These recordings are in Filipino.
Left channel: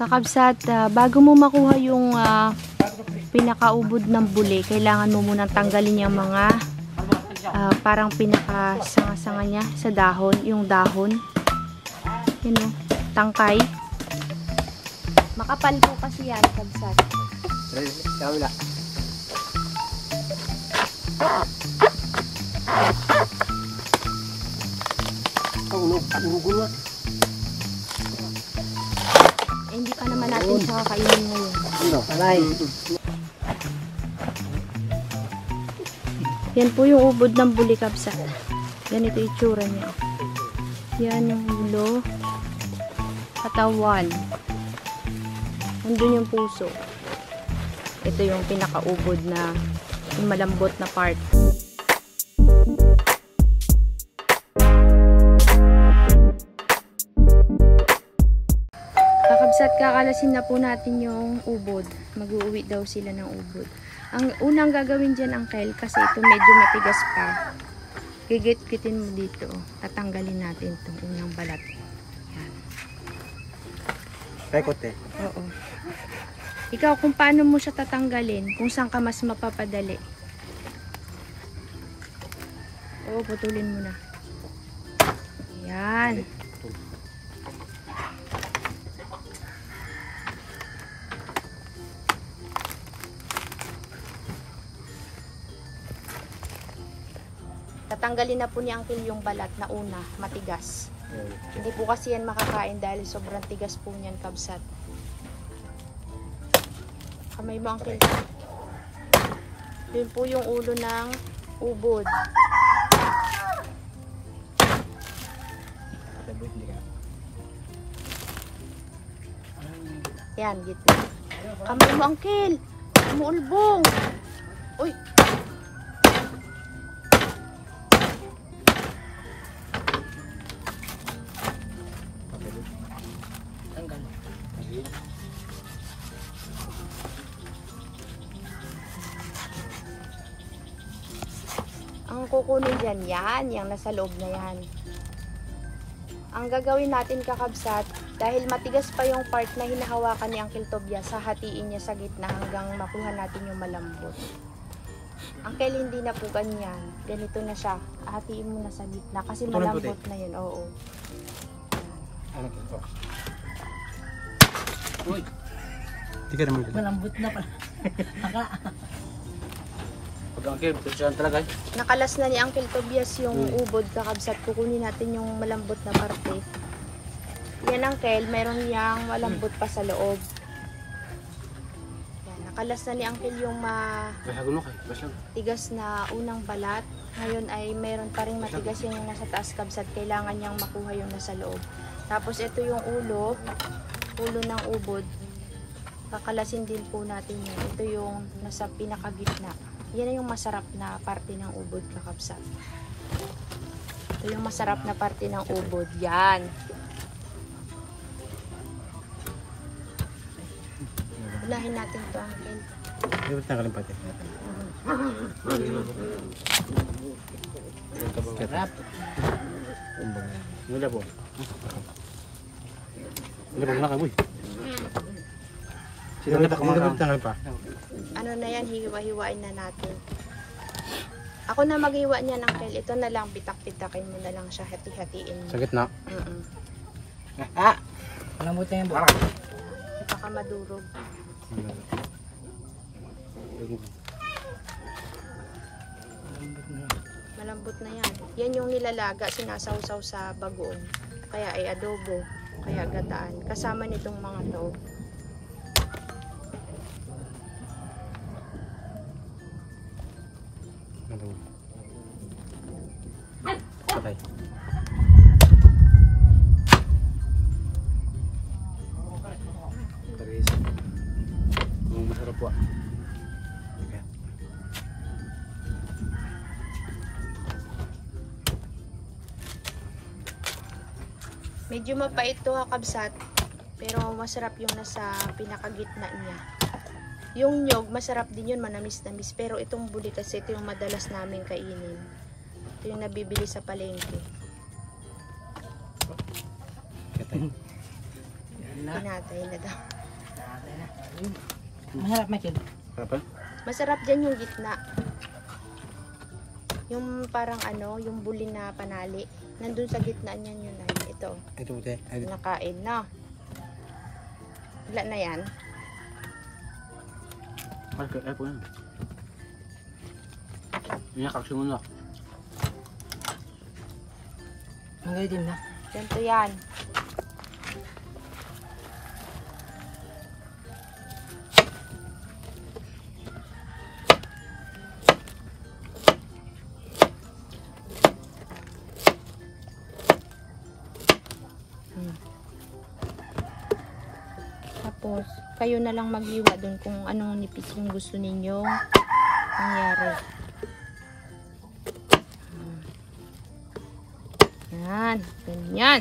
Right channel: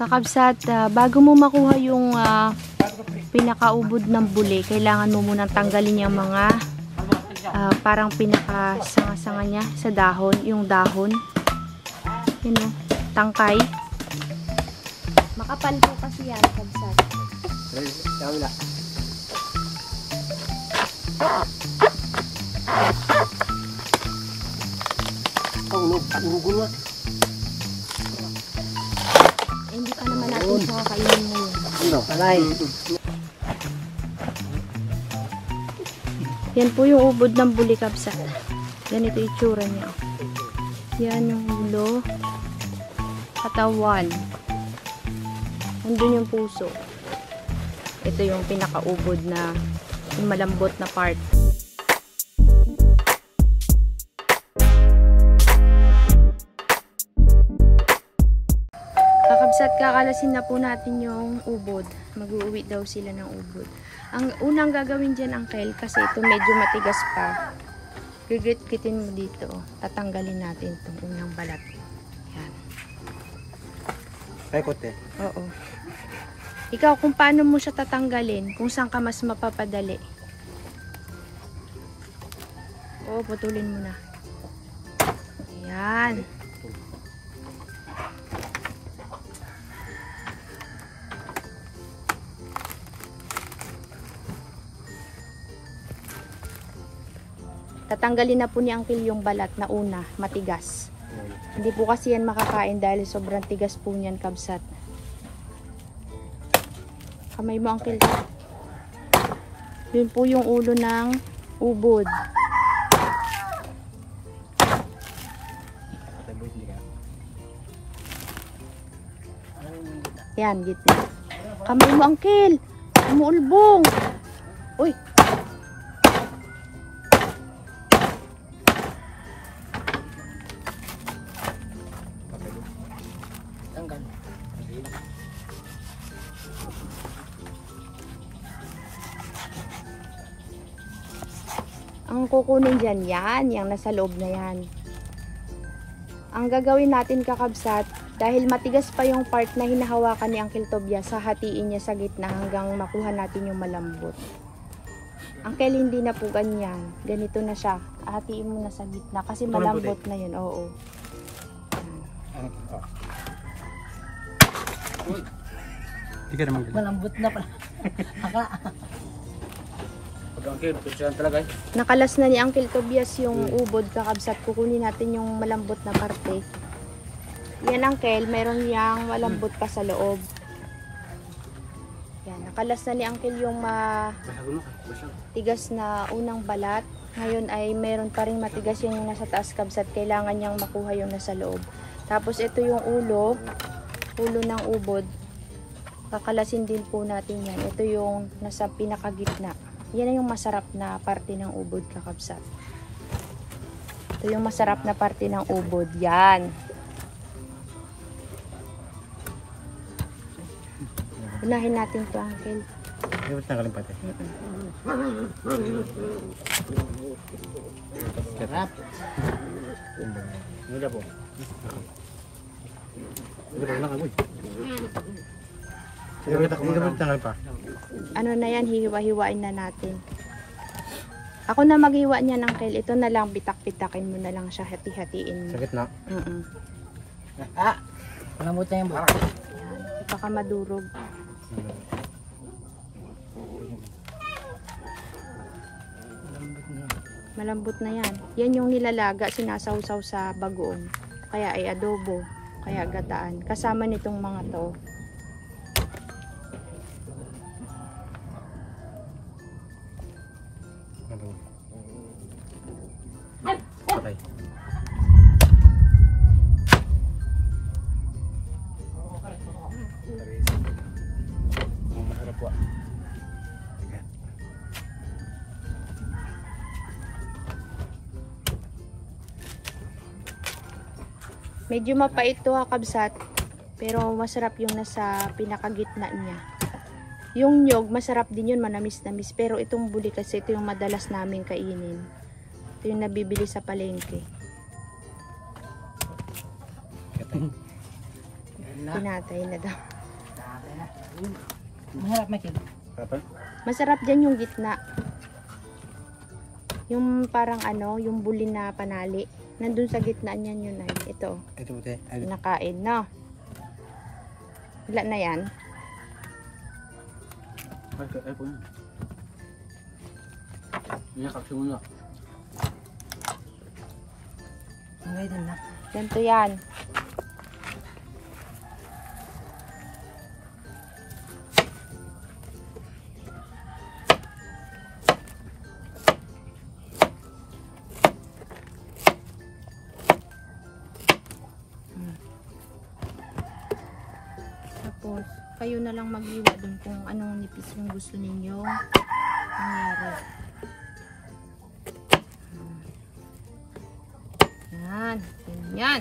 Kakabsat, bago mo makuha yung pinakaubod ng buli, kailangan mo munang tanggalin yung mga parang pinakasanga-sanga niya sa dahon, yung dahon. Yun o, tangkay. Makapal po kasi yan, kabsat. Wala. Hindi pa naman natin siya kakainin ngayon. Alay. Yan po yung ubod ng buli, kabsat. Ganito yung itsura niya. Yan yung ulo, katawan, nandun yung puso. Ito yung pinakaubod na yung malambot na part. Kakabsat, kakalasin na po natin yung ubod. Mag-uuwi daw sila ng ubod. Ang unang gagawin dyan, Uncle, kasi ito medyo matigas pa. Gigit-gitin mo dito. Tatanggalin natin itong unang balat. Yan. Pekot eh. Oo. Ikaw, kung paano mo siya tatanggalin, kung saan ka mas mapapadali. Oo, putulin mo na. Yan. Tatanggalin na po ni Uncle yung balat na una, matigas. Hindi po kasi yan makakain dahil sobrang tigas po niyan, kabsat. Kamay mo, Uncle. Yun po yung ulo ng ubod. Yan, gitna. Kamay mo, Uncle. Umuulbong. Uy. Ang kukunin dyan, yan, yung nasa loob na yan. Ang gagawin natin, kakabsat, dahil matigas pa yung part na hinahawakan ni Uncle Tobias, hahatiin niya sa gitna hanggang makuha natin yung malambot. Uncle, hindi na po ganyan. Ganito na siya. Hahatiin mo na sa gitna kasi malambot na yun. Oo. Uy. Hindi ka naman ganyan. Malambot na pala. Okay, picturean talaga eh. Nakalas na ni Uncle Tobias yung ubod, kakabsat. Kukunin natin yung malambot na parte. Yan, Uncle, meron yang malambot pa sa loob. Yan, nakalas na ni Uncle yung tigas na unang balat. Ngayon ay meron pa rin matigas yung nasa taas, kabsat. Kailangan niyang makuha yung nasa loob. Tapos ito yung ulo ng ubod. Kakalasin din po natin yan. Ito yung nasa pinakagitna. Yan yung masarap na parte ng ubod, kakabsat. Ito yung masarap na parte ng ubod. Yan. Unahin natin ito, Uncle. Hindi ba tanggalin pati? Sarap. Mula po. Hindi ba nakaboy? Hindi ba tanggalin pa? Ano na yan, hiwa-hiwain na natin. Ako na maghiwa niya, Uncle. Ito na lang, bitak-bitakin mo na lang siya, hati-hatiin mo. Sa gitna? Malambot na yung buka. Ito ka madurog. Malambot na yan. Yan yung nilalaga, sinasawsaw sa bagoong. Kaya ay adobo, kaya gataan. Kasama nitong mga to. Patay. Masarap po. Medyo mapait to, kabsat. Pero masarap yung nasa pinakagitna niya. Yung nyog, masarap din yun, manamis-namis. Pero itong buli kasi, ito yung madalas namin kainin. Ito yung nabibili sa palengke. Katay. Tinatay na daw. Masarap, Michael. Kapan? Masarap dyan yung gitna. Yung parang ano, yung bulin na panali. Nandun sa gitna niyan yun ay. Ito, Ito puti. Ay, nakain, no? Wala na yan. ay po yun. Yan, kaksunod na. Magaling din na. Ganito yan. Tapos, kayo na lang maghiwa dun kung anong nipis yung gusto ninyong mangyari. Yan. Ganyan.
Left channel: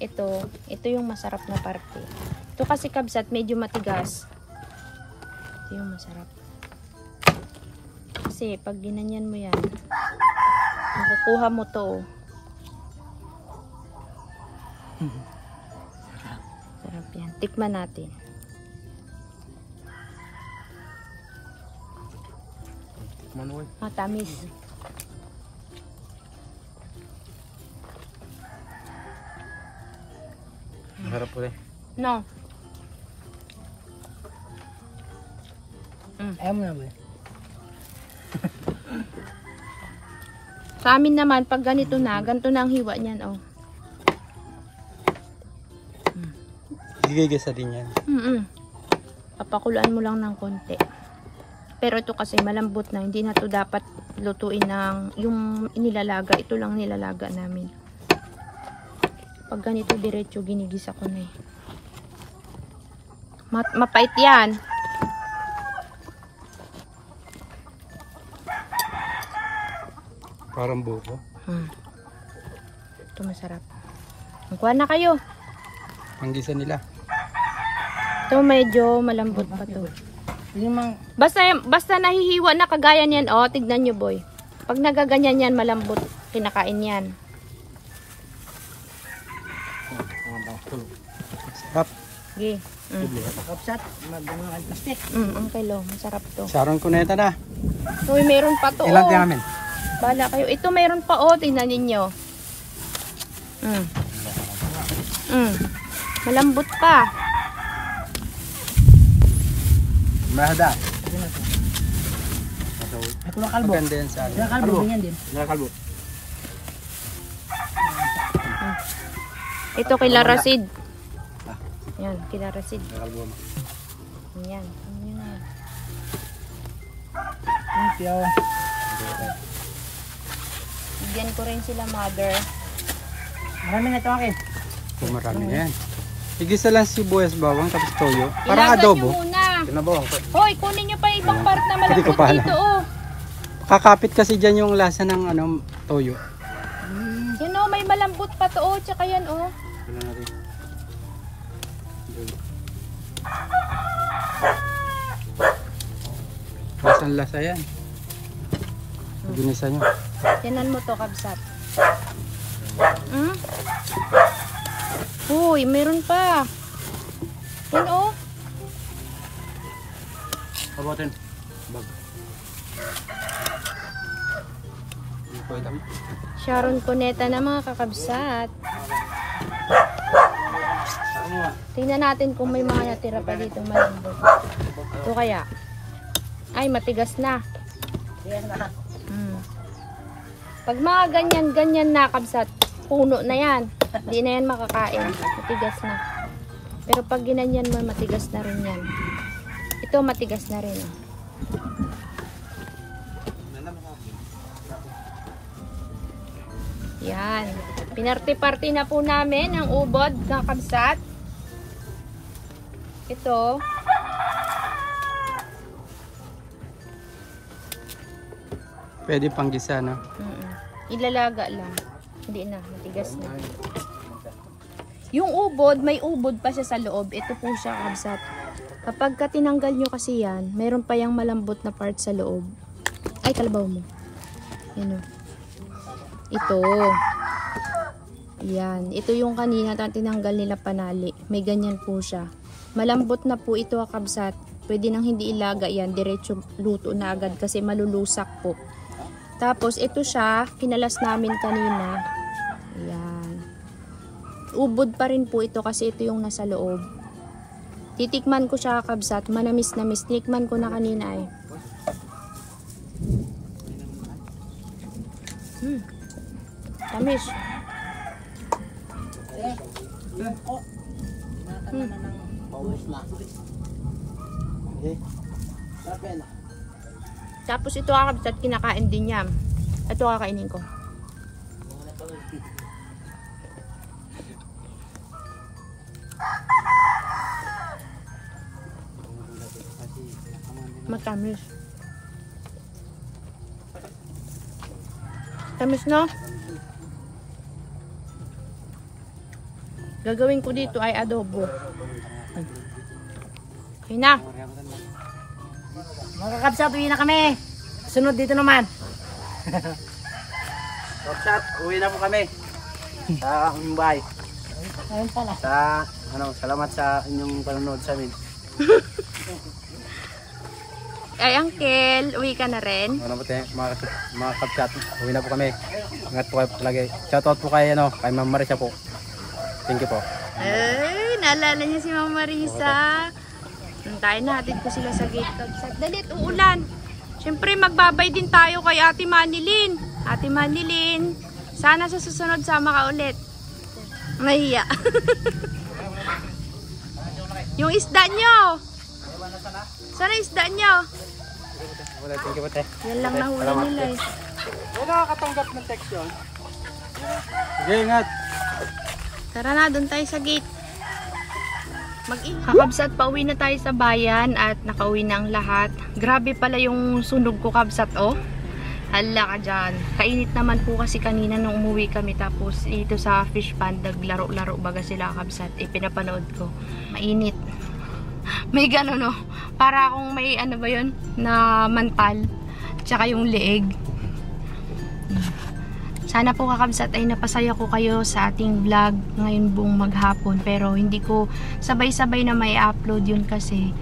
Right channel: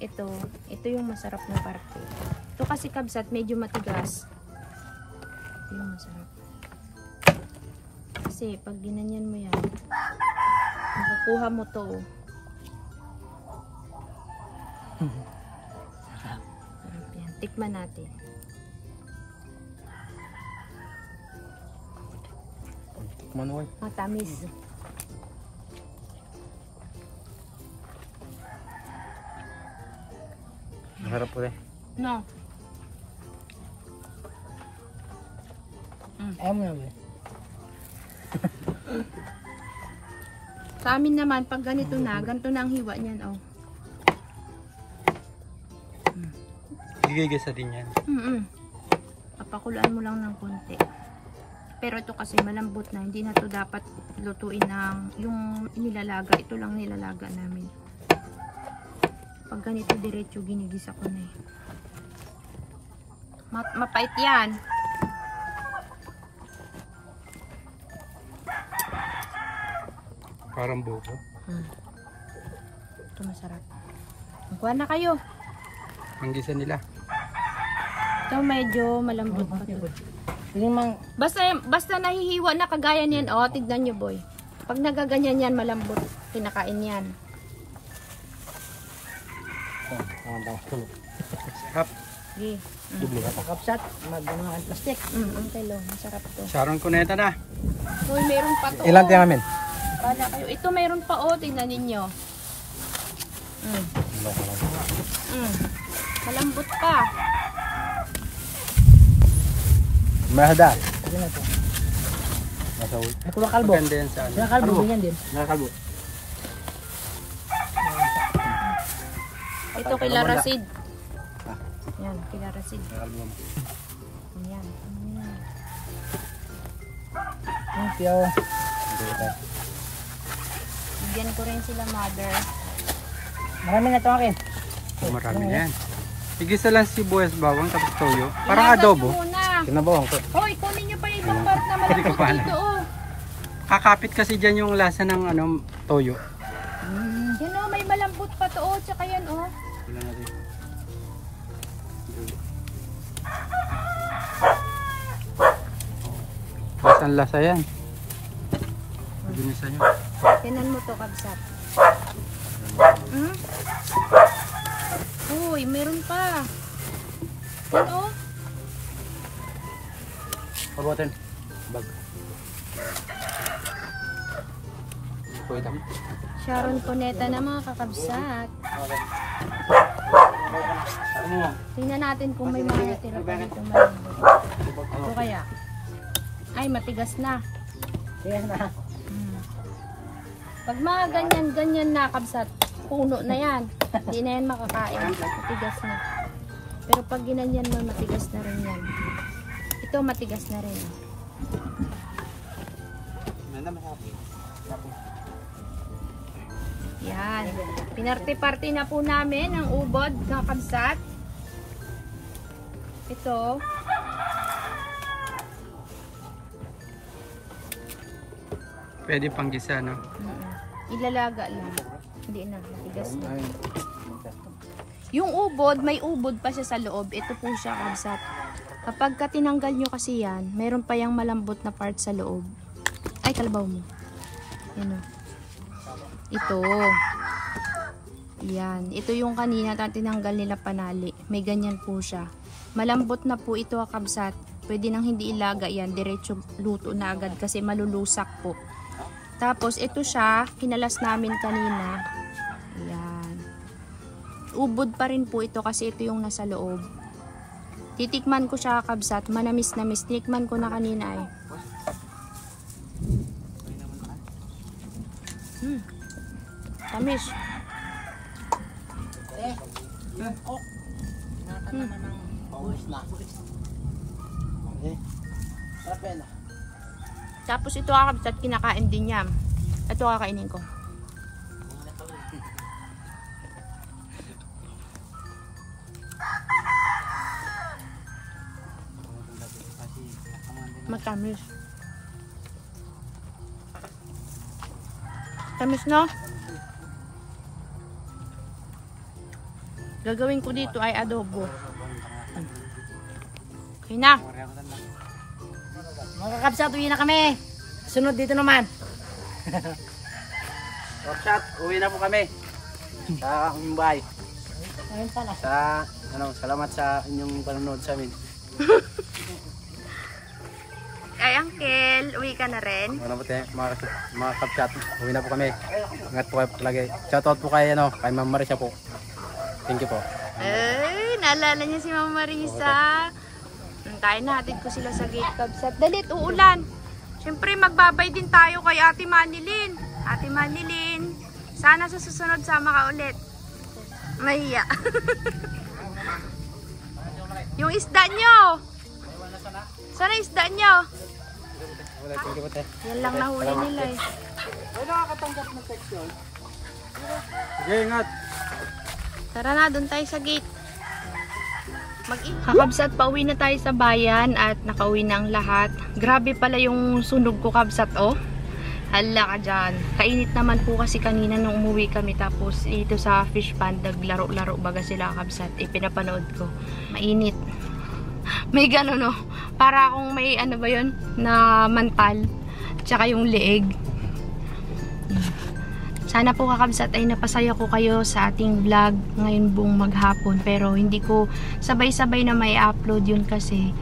Ito yung masarap na parte. Ito kasi kabsat, medyo matigas. Ito yung masarap. Kasi, pag ginanyan mo yan, makukuha mo to. Sarap yan. Tikman natin. Manual. Tamis. Masarap puti. No. Ayaw mo na ba? Sa amin naman, pag ganito na, ganito na ang hiwa niyan, oh. Gigigisa din yan. Papakuluan mo lang ng konti. Pero ito kasi malambot na, hindi na to dapat lutuin ng yung inilalaga. Ito lang nilalaga namin. Pag ganito diretso, ginigisa ko na eh. Mapait yan. Parang buko. Ito masarap. Kuha na kayo. Panggisa nila. Ito medyo malambot pa to. Yung mang... Basta nahihiwa na kagaya niyan, oh, tignan nyo boy. Pag nagaganyan yan, malambot. Kinakain yan. Sarap. Okay. Kapsat. Magano ang plastic. Ang kilo. Masarap to. Saron ko na ito na. Uy, meron pa to. Ilan Oh. namin? Bahala kayo. Ito meron pa, oh. Tingnan ninyo. Malambot pa. Mahada. Ito na ito. Masaw. Ito ba kalbo? Maganda yan sa ano. Yung kalbo, ganyan din. Nakakalbo. Ito kila Wala. Rasid. Ah. Yan, kila Rasid. Nakakalbo mo. Yan. Thank you. Bigyan ko rin sila mother. Marami na ito akin. Oh, marami na yan. Igisa lang sibuyas bawang tapos toyo. Parang Ilagan adobo. nyo muna. Tinabawang ko. Hoy, kunin nyo pa yung ibang Ayan. part na Hindi ko malambot pa alam. dito, oh. Kakapit kasi dyan yung lasa ng ano, toyo. Yan, oh, may malambot pa to, oh. Tsaka yan, oh. Wala na rin. Lasang lasa yan. Ginisa nyo. Tinan mo to, kabsat. Uy, meron pa. Yan, oh. Pabutin. Bag. Sharon Cuneta na mga kakabsat. Tingnan natin kung may mga natira pa dito malambot. Ito kaya. Ay, matigas na. Yan na. Pag mga ganyan na kabsat, puno na yan. Hindi na yan makakain. Matigas na. Pero pag ginanyan mo, matigas na rin yan. Ito matigas na rin. Oh. Yan. Pinarte-parte na po namin ang ubod ng kabsat. Ito. Pwede pang gisa, no? Ilalaga lang. Hindi na, matigas na. Yung ubod, may ubod pa siya sa loob. Ito po siya, kabsat. Kapag tinanggal nyo kasi yan, meron pa yung malambot na part sa loob. Ay, kalabaw mo. Yan o. Ito. Yan. Ito yung kanina tinanggal nila panali. May ganyan po siya. Malambot na po ito kabsat. Pwede nang hindi ilaga yan. Diretso luto na agad kasi malulusak po. Tapos ito siya. Kinalas namin kanina. Yan. Ubod pa rin po ito kasi ito yung nasa loob. Titikman ko siya kabsat. Manamis-namis. Titikman ko na kanina eh. Tamis. Tapos ito kakabsat, kinakain din niya. Ito kakainin ko. Matamis. Tamis, no? Gagawin ko dito ay adobo. Okay na. Mga kakabsat, uwi na kami. Sunod dito naman. Kapsat, uwi na po kami. Sa aming bahay. Ngayon pala. Salamat sa inyong panonood sa amin. Ay, Uncle, uwi ka na rin? Ano po tayo, mga kapsat, uwi na po kami. Ingat po kayo palagi. Shoutout po kay Ma'am Marisa po. Thank you po. Ay, naalala niya si Mama Marisa. Tayo na, hatid ko sila sa gate kabsat. Dalit, uulan. Siyempre, magbabay din tayo kay Ate Manilin. Ate Manilin, sana sa susunod sama ka ulit. Mahiya. Yung isda nyo. Sana isda nyo. Thank you po tayo. Yan lang nahuli nila eh. Wala nakakatanggap ng text yun. Sige, ingat. Tara na, doon tayo sa gate. Mag-ingat. Kakabsat, pauwi na tayo sa bayan at nakauwi na ang lahat. Grabe pala yung sunog ko, kabsat, oh. Hala ka dyan. Kainit naman po kasi kanina nung umuwi kami. Tapos dito sa fish pond, naglaro-laro baga sila, kabsat. Pinapanood ko. Mainit. May gano'n, no? Para akong may, ano ba yun? Na mantal. Tsaka yung leeg. Sana po kakabsat ay napasaya ko kayo sa ating vlog ngayon buong maghapon. Pero hindi ko sabay-sabay na may upload yun kasi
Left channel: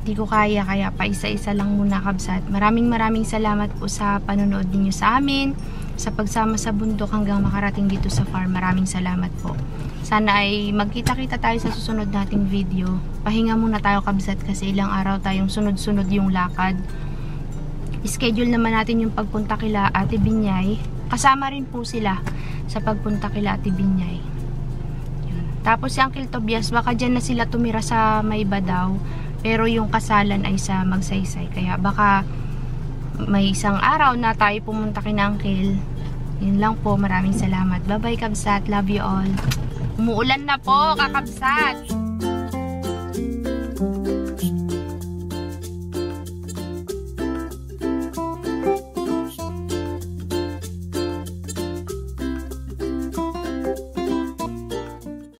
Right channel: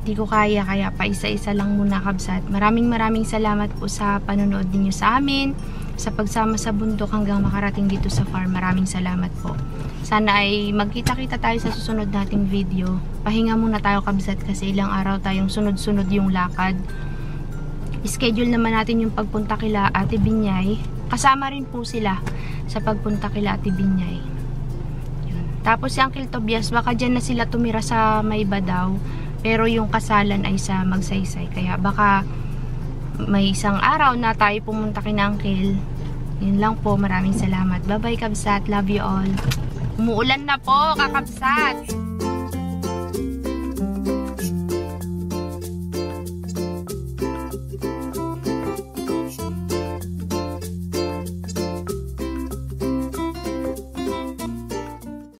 hindi ko kaya. Kaya pa isa-isa lang muna kabsat. Maraming salamat po sa panonood ninyo sa amin. Sa pagsama sa bundok hanggang makarating dito sa farm. Maraming salamat po. Sana ay magkita-kita tayo sa susunod nating video. Pahinga muna tayo kabsat kasi ilang araw tayong sunod-sunod yung lakad. Schedule naman natin yung pagpunta kila Ate Binyay. Kasama rin po sila sa pagpunta kila Ate Binyay. Yun. Tapos si Uncle Tobias, baka dyan na sila tumira sa may Badaw. Pero yung kasalan ay sa Magsaysay. Kaya baka may isang araw na tayo pumunta kina Uncle. Yun lang po. Maraming salamat. Bye bye kabsat. Love you all. Umuulan na po kakabsat.